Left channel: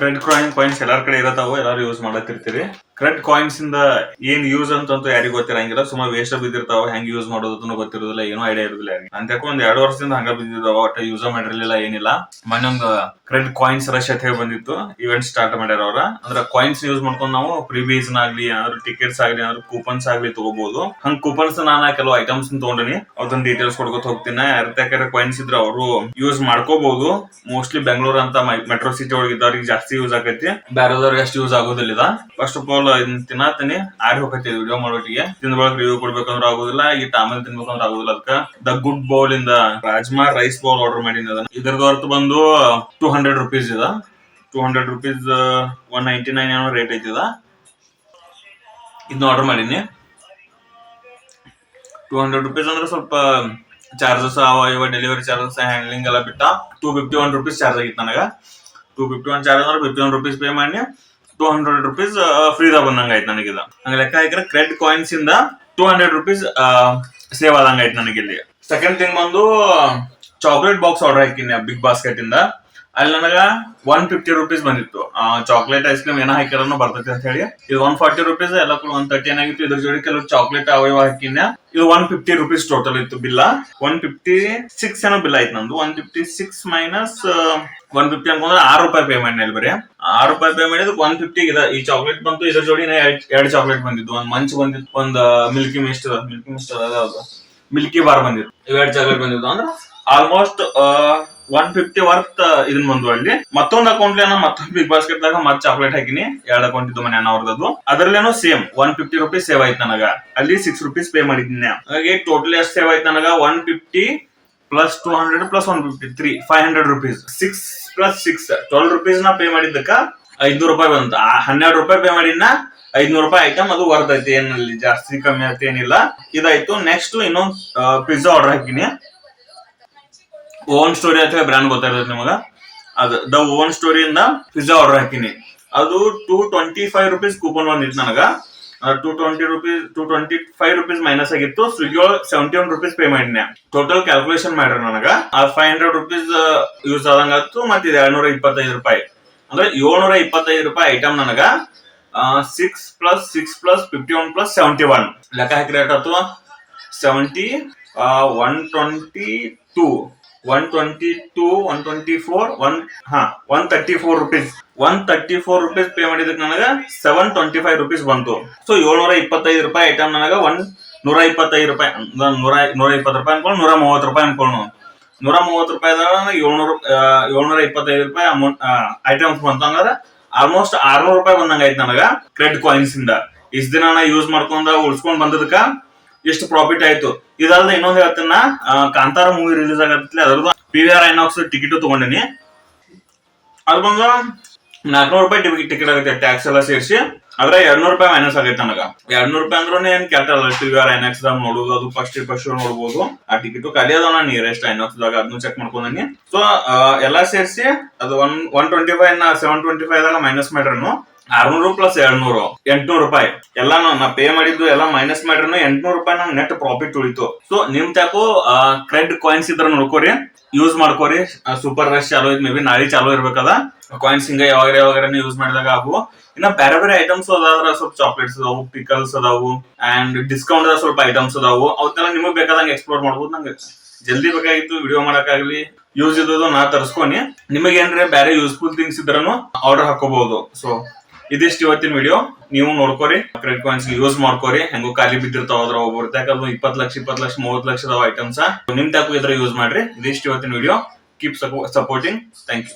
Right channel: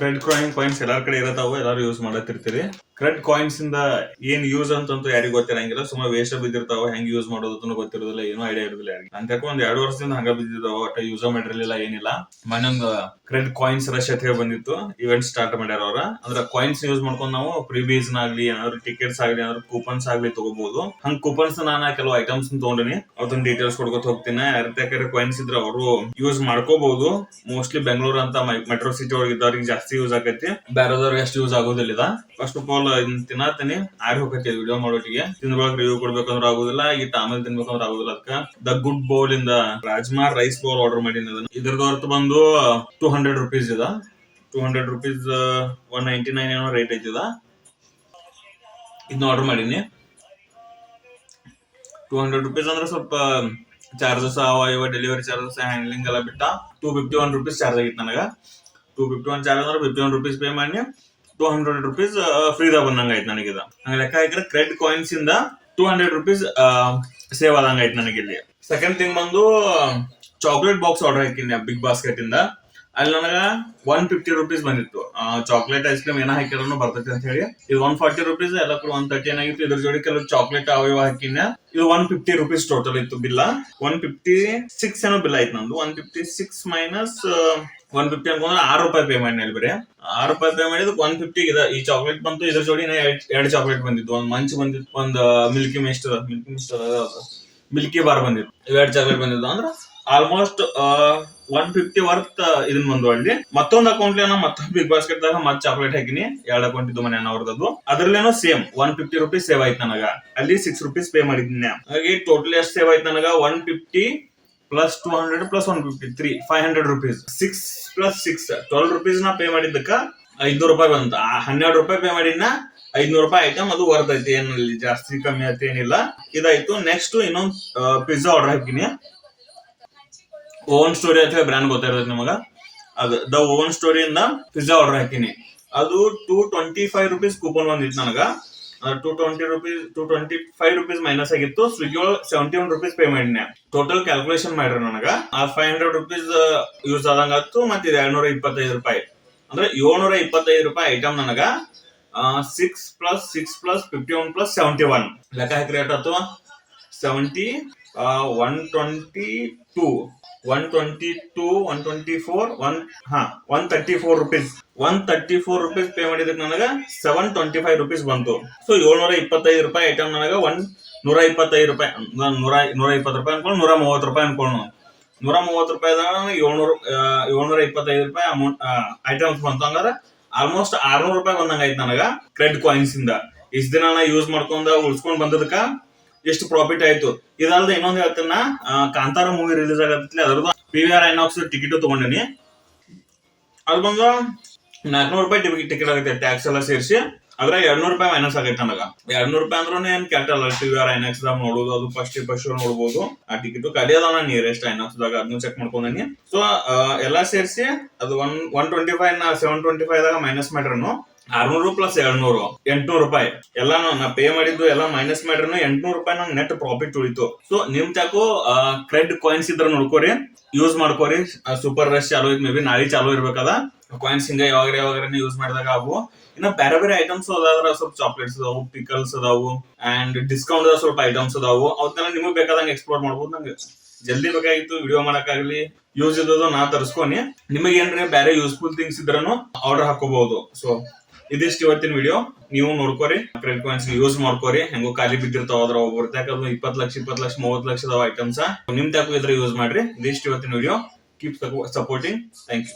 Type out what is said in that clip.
Credit coins ಎಲ್ಲಾರ ಕಡೆ ಇರತಾವ, ಎಲ್ಲಾರು ಯೂಸ್ ಮಾಡತ್ತಿರ್ತೀರಿ. ಕ್ರೆಡಿಟ್ ಕಾಯಿನ್ಸ್ ಇಂದ ಏನ್ ಯೂಸ್ ಅಂತಂತೂ ಯಾರಿಗೂ ಗೊತ್ತಿರಂಗಿಲ್ಲ. ಸುಮಾರು ವೇಸ್ಟ್ ಬಿದ್ದಿರ್ತಾವ, ಹೆಂಗ್ ಯೂಸ್ ಮಾಡೋದನ್ನು ಗೊತ್ತಿರೋದಿಲ್ಲ, ಏನೋ ಐಡಿಯಾ ಇರೋದಿಲ್ಲ. ಅಂತಕ್ಕ ಒಂದ್ 2 ವರ್ಷದಿಂದ ಹಂಗ ಬಿದ್ದಿದಾವ, ಒಟ್ಟ ಯೂಸ್ ಮಾಡಿರ್ಲಿಲ್ಲ, ಏನಿಲ್ಲ. ಮೊನ್ನೊಂದು ಕ್ರೆಡಿಟ್ ಕಾಯಿನ್ಸ್ ರಶ್ ಅಂತ ಹೇಳಿ ಬಂದಿತ್ತು, ಇವೆಂಟ್ ಸ್ಟಾರ್ಟ್ ಮಾಡ್ಯಾರ ಅವ್ರ. ಅಂದ್ರೆ ಕಾಯಿನ್ಸ್ ಯೂಸ್ ಮಾಡ್ಕೊಂಡು ನಾವು ಪ್ರಿವೀಸ್ ಆಗ್ಲಿ, ಏನಾದ್ರು ಟಿಕೆಟ್ಸ್ ಆಗ್ಲಿ, ಏನಾದ್ರು ಕೂಪನ್ಸ್ ಆಗ್ಲಿ ತಗೋಬಹುದು. ಹಂಗ್ ಕೂಪನ್ಸ್ ನಾನು ಕೆಲವು ಐಟಮ್ಸ್ ತಗೊಂಡಿನಿ, ಅದನ್ನ ಡೀಟೇಲ್ಸ್ ಕೊಡ್ಕೊತ ಹೋಗ್ತೀನಿ. ಯಾರ್ಯಾರ ಕಾಯಿನ್ಸ್ ಇದ್ರೆ ಅವರು ಯೂಸ್ ಮಾಡ್ಕೋಬಹುದು. ಮೋಸ್ಟ್ಲಿ ಬೆಂಗಳೂರು ಅಂತ ಮೆಟ್ರೋ ಸಿಟಿ ಒಳಗೆ ಇದ್ದವ್ರಿಗೆ ಜಾಸ್ತಿ ಯೂಸ್ ಆಗೈತಿ, ಬೇರೆದವ್ರಿಗೆ ಅಷ್ಟು ಯೂಸ್ ಆಗೋದಿಲ್ಲ. ಫಸ್ಟ್ ಆಫ್ ಆಲ್ ತಿನ್ನತೀನಿ ಆರಿ ಹೋಗತಿ ವಿಡಿಯೋ ಮಾಡೋಟಿಗೆ. ತಿಂದೊಳಗೆ ರಿವ್ಯೂ ಕೊಡ್ಬೇಕಂದ್ರೆ ಆಗುದಿಲ್ಲ, ಈ ಆಮೇಲೆ ತಿನ್ಬೇಕಂದ್ರೆ ಆಗುದಿಲ್ಲ. ಅದಕ್ಕ ದ ಗುಡ್ ಬೌಲ್ ಇಂದ ರಾಜ್ಮಾ ರೈಸ್ ಬೌಲ್ ಆರ್ಡರ್ ಮಾಡೀನಿ. ಅದನ್ನ ಇದ್ರದ್ದು ಅರ್ಥ ಬಂದು 200 rupees ಇದ. 200 rupees 199 ಏನೋ ರೇಟ್ ಐತಿದ. ಇದನ್ನ ಆರ್ಡರ್ ಮಾಡೀನಿ. 200 rupees ಅಂದ್ರೆ ಸ್ವಲ್ಪ ಚಾರ್ಜಸ್ ಅವ ಇವ, ಡೆಲಿವರಿ ಚಾರ್ಜಸ್, ಹ್ಯಾಂಡ್ಲಿಂಗ್ ಎಲ್ಲ ಬಿಟ್ಟ 251 rupees ಚಾರ್ಜ್ ಆಗಿತ್ತು ನನಗ. 251 ಚಾರ್ಜ್ ಅಂದ್ರೆ 51 rupees ಪೇ ಮಾಡಿ 200 rupees ಫ್ರೀದಾಗ ಬಂದಂಗ ಆಯ್ತು ನನಗಿದ. ಹಂಗ ಲೆಕ್ಕ ಹಾಕಿದ್ರೆ ಕ್ರೆಡಿಟ್ ಕಾಯಿನ್ಸ್ ಇಂದ 200 rupees ಸೇವ್ ಆದಂಗ ಆಯ್ತು ನನಗಿಲ್ಲಿ. ಸೆಕೆಂಡ್ ಥಿಂಗ್ ಬಂದು ಚಾಕ್ಲೇಟ್ ಬಾಕ್ಸ್ ಆರ್ಡರ್ ಹಾಕಿನಿ ಬಿಗ್ ಬಾಸ್ಕೆಟ್ ಇಂದ. ಅಲ್ಲಿ ನನಗ 150 rupees ಬಂದಿತ್ತು. ಚಾಕ್ಲೇಟ್ ಐಸ್ ಕ್ರೀಮ್ ಏನೋ ಹಾಕಿರೋನು ಬರ್ತೈತಿ ಅಂತ ಹೇಳಿ. ಇದು 140 rupees, ಎಲ್ಲ 130 ಏನಾಗಿತ್ತು. ಇದ್ರ ಜೋಡಿ ಕೆಲವು ಚಾಕ್ಲೇಟ್ ಅವಯವ ಹಾಕಿನ. ಇದು 150 rupees ಟೋಟಲ್ ಇತ್ತು ಬಿಲ್ಲ. 156 ಏನೋ ಬಿಲ್ ಆಯ್ತು ನಂದು. 156 ಮೈನಸ್ 150 ಅನ್ಕೊಂಡ್ರೆ 6 ರೂಪಾಯಿ ಪೇ ಮಾಡಿ ಬರೀ 6 ರೂಪಾಯಿ ಪೇ ಮಾಡಿದ್ 150 ಇದೆ. ಈ ಚಾಕ್ಲೇಟ್ ಬಂತು, ಇದ್ರ ಜೋಡಿ 2 ಚಾಕ್ಲೇಟ್ ಬಂದಿತ್ತು. ಒಂದ್ ಮಂಚ್ ಬಂದಿತ್ತು, ಒಂದ್ ಮಿಲ್ಕಿ ಮಿಸ್ಟ್ ಯಾವ್ದು ಮಿಲ್ಕಿ ಬಾರ್ ಬಂದಿತ್ತು. 2 ಚಾಕ್ಲೇಟ್ ಬಂದಿತ್ತು. ಅಂದ್ರೆ ಆಲ್ಮೋಸ್ಟ್ 150 ವರ್ತ್ ಇದನ್ ಬಂದು. ಅಲ್ಲಿ ಮತ್ತೊಂದ್ ಅಕೌಂಟ್ ಮತ್ತೊಂದು ಬಿಗ್ ಬಾಸ್ಕೆಟ್ ದಾಗ ಮತ್ ಚಾಕ್ಲೇಟ್ ಹಾಕಿನಿ. 2 ಅಕೌಂಟ್ ಇದ್ದು ಮನೆ ಅವ್ರದ್ದು. ಅದ್ರಲ್ಲೇನೋ ಸೇಮ್ 150 rupees ಸೇವ್ ಆಯ್ತು ನನಗ. ಅಲ್ಲಿ 6 rupees ಪೇ ಮಾಡಿದ್ದೀನಿ. ಹಾಗಾಗಿ ಟೋಟಲ್ ಎಷ್ಟು ಸೇವ್ ಆಯ್ತು ನನಗ? 150 plus 200 plus 153 500 rupees. 6 plus 6 12 rupees ನಾ ಪೇ ಮಾಡಿದ್ದಕ್ಕ 500 ರೂಪಾಯಿ ಬಂತು. 12 ರೂಪಾಯಿ ಪೇ ಮಾಡಿನ 500 ರೂಪಾಯಿ ಐಟಮ್ ಅದು ವರ್ತ್ ಐತಿ. ಏನಲ್ಲಿ ಜಾಸ್ತಿ ಕಮ್ಮಿ ಆಯ್ತು ಏನಿಲ್ಲ. ಇದಾಯ್ತು. ನೆಕ್ಸ್ಟ್ ಇನ್ನೊಂದು ಪಿಜ್ಜಾ ಆರ್ಡರ್ ಹಾಕಿನಿ. ಓವನ್ ಸ್ಟೋರಿ ಅಂತ ಬ್ರ್ಯಾಂಡ್ ಗೊತ್ತಾಗಿರುತ್ತೆ ನಿಮಗ. ಅದು ದ ಓವನ್ ಸ್ಟೋರಿ ಇಂದ ಪಿಜ್ಜಾ ಆರ್ಡರ್ ಹಾಕಿನಿ. ಅದು 225 rupees ಕೂಪನ್ ಬಂದಿತ್ತು ನನಗ. 225 rupees ಮೈನಸ್ ಆಗಿತ್ತು. ಸ್ವಿಗ್ಗಿ ಒಳಗೆ 71 rupees ಪೇ ಮಾಡಿನಿ. ಟೋಟಲ್ ಕ್ಯಾಲ್ಕುಲೇಷನ್ ಮಾಡ್ರಿ ನನಗ 500 rupees ಯೂಸ್ ಆದಂಗ ಆಯ್ತು. ಮತ್ತೆ ಇದು 225 ರೂಪಾಯಿ ಅಂದ್ರೆ 725 ರೂಪಾಯಿ ಐಟಮ್ ನನಗ 6 ಪ್ಲಸ್ 6 ಪ್ಲಸ್ 51 ಪ್ಲಸ್ 71 ಲೆಕ್ಕ ಹಾಕಿ ರೇಟ್ ಆಯ್ತು 70 122 124 134 rupees. 134 rupees ಪೇ ಮಾಡಿದಕ್ಕೆ ನನಗ 725 rupees ಬಂತು. ಸೊ 725 ರೂಪಾಯಿ ಐಟಮ್ ನನಗ 125 ರೂಪಾಯಿ 120 ರೂಪಾಯಿ ಅನ್ಕೊಂಡು 130 ರೂಪಾಯಿ ಅನ್ಕೊಂಡು 130 ರೂಪಾಯಿದಾಗ 725 ರೂಪಾಯಿ ಅಮೌಂಟ್ ಐಟಮ್ಸ್ ಬಂತ. ಅಂದ್ರೆ ಆಲ್ಮೋಸ್ಟ್ 600 ರೂಪಾಯಿ ಬಂದಂಗ ಆಯ್ತು ನನಗ ಕ್ರೆಡಿಟ್ ಕಾಯಿನ್ಸ್ ಇಂದ. ಇಷ್ಟ ದಿನ ನಾ ಯೂಸ್ ಮಾಡ್ಕೊಂಡ ಉಳ್ಸ್ಕೊಂಡ್ ಬಂದದಕ್ಕ ಎಷ್ಟು ಪ್ರಾಫಿಟ್ ಆಯ್ತು. ಇದಲ್ದ ಇನ್ನೊಂದ್ ಹೇಳ್ತೀನ, ಕಾಂತಾರ ಮೂವಿ ರಿಲೀಸ್ ಆಗತ್ತಲೆ ಅದ್ರದ್ದು PVR ಐನಾಕ್ಸ್ ಟಿಕೆಟ್ ತಗೊಂಡಿನಿ. ಅದು ಬಂದು 400 ರೂಪಾಯಿ ಟಿಕೆಟ್ ಆಗುತ್ತೆ ಟ್ಯಾಕ್ಸ್ ಎಲ್ಲ ಸೇರಿಸಿ. ಆದ್ರೆ 200 ರೂಪಾಯಿ ಮೈನಸ್ ಆಗೈತೆ ನನಗ. 200 ರೂಪಾಯಿ ಅಂದ್ರೂ ಏನ್ ಕೆಟ್ಟಲ್ಲ. PVR ಐನಾಕ್ಸ್ ದಾಗ ನೋಡುದು, ಅದು ಫಸ್ಟ್ ನೋಡ್ಬೋದು. ಆ ಟಿಕೆಟ್ ಖಾಲಿ ಅದ ನಾನು ನಿಯರೆಸ್ಟ್ ಐನಾಕ್ಸ್ ದಾಗ, ಅದನ್ನು ಚೆಕ್ ಮಾಡ್ಕೊಂಡಿ. ಸೊ ಎಲ್ಲಾ ಸೇರಿಸಿ ಅದು 125 725 ದಾಗ ಮೈನಸ್ ಮಾಡ್ರನು 600 ಪ್ಲಸ್ 200 800 ರೂಪಾಯಿ ಎಲ್ಲ ನಾ ಪೇ ಮಾಡಿದ್ದು ಎಲ್ಲ ಮೈನಸ್ ಮಾಡ್ರನು 800 ರೂಪಾಯಿ ನಂಗೆ ನೆಟ್ ಪ್ರಾಫಿಟ್ ಉಳಿತು. ಸೊ ನಿಮ್ ಚಾಕು ಕ್ರೆಡಿಟ್ ಕಾಯಿನ್ಸ್ ಇದ್ರ ನೋಡ್ಕೋರಿ, ಯೂಸ್ ಮಾಡ್ಕೋರಿ. ಸೂಪರ್ ರಶ್ ಚಾಲೋ ಐತಿ, ಮೇ ಬಿ ನಾಳೆ ಚಾಲೋ ಇರ್ಬೇಕದ. ಕಾಯಿನ್ಸ್ ಹಿಂಗ ಯಾವಾಗ ಯೂಸ್ ಮಾಡಿದಾಗ ಆಗು. ಇನ್ನ ಬೇರೆ ಐಟಮ್ಸ್ ಅದಾದ್ರ ಸ್ವಲ್ಪ ಚಾಕ್ಲೇಟ್ಸ್ ಅದಾವು, ಪಿಕಲ್ಸ್ ಅದಾವು, ಅಂಡ್ ಡಿಸ್ಕೌಂಟ್ ಸ್ವಲ್ಪ ಐಟಮ್ಸ್ ಅದಾವು. ಅವತ್ತೆಲ್ಲ ನಿಮಗ್ ಬೇಕಾದಂಗೆ ಎಕ್ಸ್ಪ್ಲೋರ್ ಮಾಡ್ಬೋದು. ನಂಗೆ ಜಲ್ದಿ ಬೇಕಾಗಿತ್ತು ವಿಡಿಯೋ ಮಾಡಕ್ಕಾಗ್ಲಿ, ಯೂಸ್ ಇದ್ದು ನಾ ತರಿಸ್ಕೊನಿ. ನಿಮಗೆ ಏನ್ರೆ ಬೇರೆ ಯೂಸ್ಫುಲ್ ಥಿಂಗ್ಸ್ ಇದ್ರೂ ಆರ್ಡರ್ ಹಾಕೋಬಹುದು. ಸೊ ಇದಿಷ್ಟು ಇವತ್ತಿನ ವಿಡಿಯೋ. ನೀವು ನೋಡ್ಕೋರಿ, ಕ್ರೆಡಿಟ್ ಕಾಯಿನ್ಸ್ ಯೂಸ್ ಮಾಡ್ಕೋರಿ. ಹೆಂಗೋ ಖಾಲಿ ಬಿದ್ದಿರ್ತಾವ ಅದ್ರ ಒಬ್ಬರು ಯಾಕಂದ್ರೆ 20 ಲಕ್ಷ 30 ಲಕ್ಷ ಐಟಮ್ಸ್ ನಿಮ್ ತಾಕು ಇದ್ರ ಯೂಸ್ ಮಾಡ್ರಿ. ಇದಿಷ್ಟು ಇವತ್ತಿನ video. Keep supporting. Thank you.